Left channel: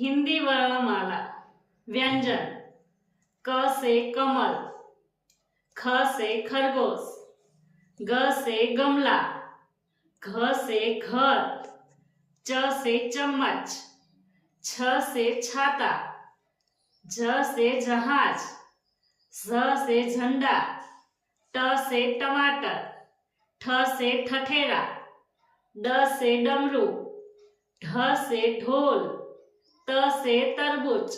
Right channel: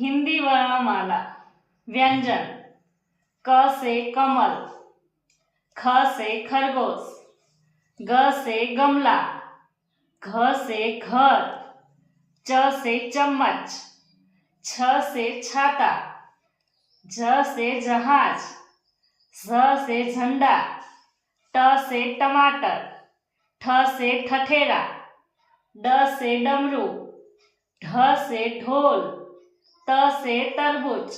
हिंदी वर्णमाला। व्यंजन। क से कमल, ख से खरगोश, ग से गमला, घ से घर, च से चम्मच, छ से छाता, झ से जहाज, झ से झंडा, ट से टमाटर, ठ से ठठेरा, ड से डमरू, ढ से ढोल, त से तरबूज,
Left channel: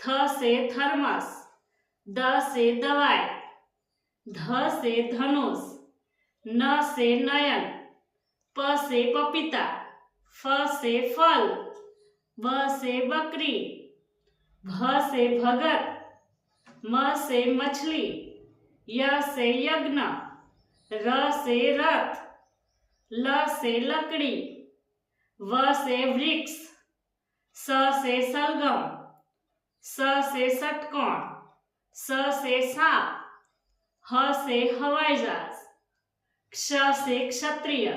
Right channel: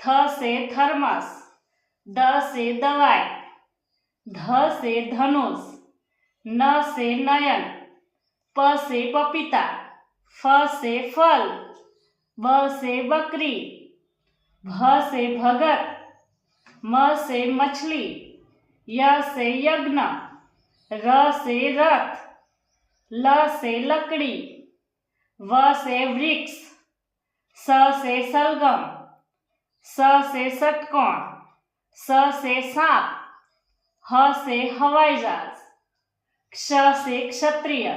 थ से थर्मस, द से दवाई, ध से धनुष, न से नयन, प से पपीता, फ से फल, ब से बकरी, भ से भगत, म से मछली, य से यज्ञ, र से रथ, ल से लकड़ी, व से वृक्ष, स से सलगम, स से षटकोण, स से सांप, ह से हवाई जहाज, क्ष से क्षत्रिय,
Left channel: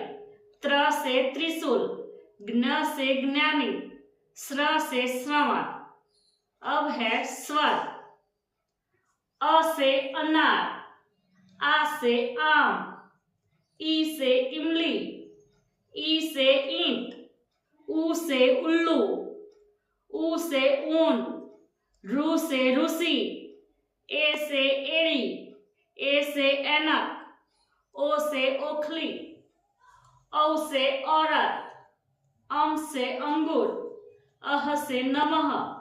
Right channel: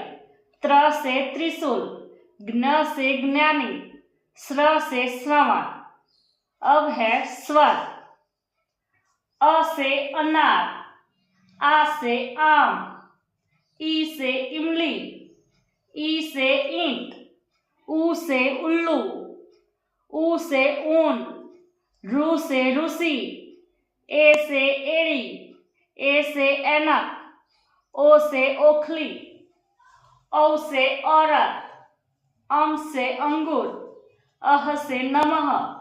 त्र से त्रिशूल, ज्ञ से ज्ञानी, स्र से श्रवण। अब है स्वर। अ से अनार, आ से आम, ई से इमली, ई से ईंट, ऊ से उल्लू, ऊ से ऊन, रू से रूसी, ए से एड़ी, ए से ऐनक, ओ से ओखली, औ से औरत, अम से अंगूर, अह से नमः,